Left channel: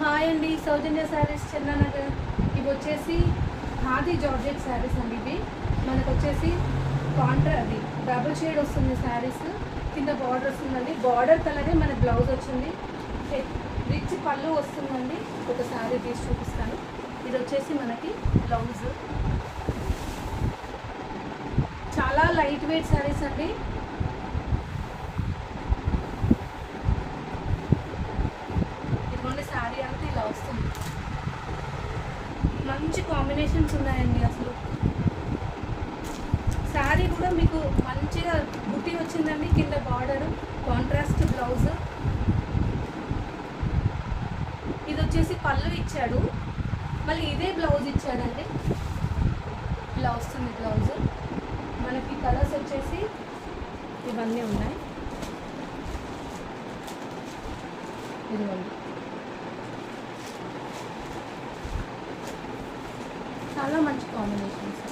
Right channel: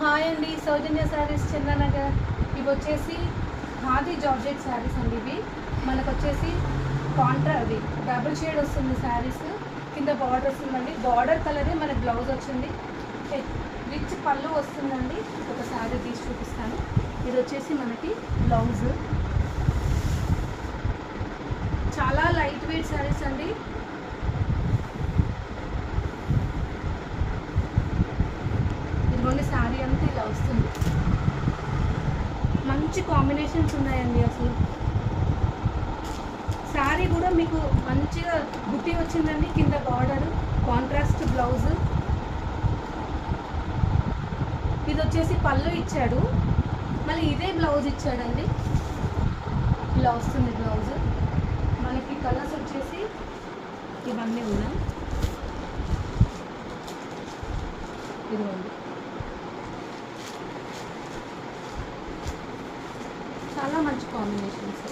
Hi అండి, సౌజన్య శారీస్ చంద్రనగర్. ఇవి వచ్చేసి ఖాదీ జార్జెట్ శారీస్ అండి. ఇవి మనకు వచ్చేసి అది డబుల్ షేడ్ వస్తుంది శారీస్. కింద బార్డర్ వస్తుందండి. బార్డర్ కలరే మన బ్లౌజ్ వచ్చింది. రిచ్ పళ్ళు వస్తుందండి. ఒక శారీ తీసి చూపిస్తాను. ఇది వచ్చేసి మనకి బ్లౌజ్. చాలా లైట్ వెయిట్ శారీస్ అండి. ఇదిగోండి, శారీ అంతా ఇలా వస్తుంది. మంచి కాంబినేషన్స్ ఉన్నాయండి. అసలు శారీ కూడా మీకు మంచిగా బుట్టి వచ్చిందండి. కింద బార్డర్, కాంట్రాస్ట్ బ్లౌజ్. ఇది వచ్చేసి పళ్ళు ఇచ్చాడు, మళ్ళీ ఇదే బ్లౌజ్ ఇచ్చాడండి. ఇలా వస్తుంది బ్లౌజ్. మనకి కలర్స్ వచ్చేసి ఇవన్నీ ఉన్నాయి. ఇదిగోండి, చాలా మంచి కాంబినేషన్స్.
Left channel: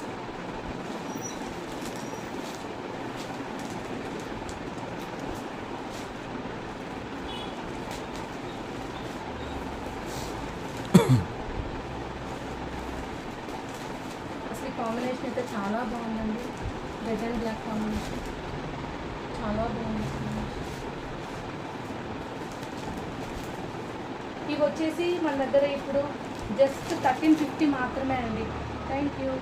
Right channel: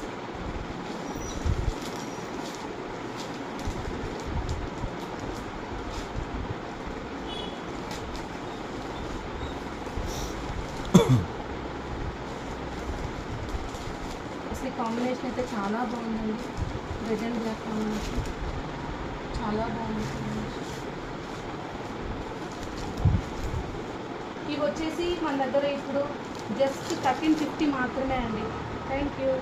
అసలు కాంబినేషన్ అయితే చాలా బాగుందండి. రెడ్ అండ్ బ్లాక్ కాంబినేషన్ చాలా బాగుంది. ఇవి వచ్చేసి మన దగ్గర ఇప్పుడు జస్ట్ 1350 మాత్రమే అండి. Thank you.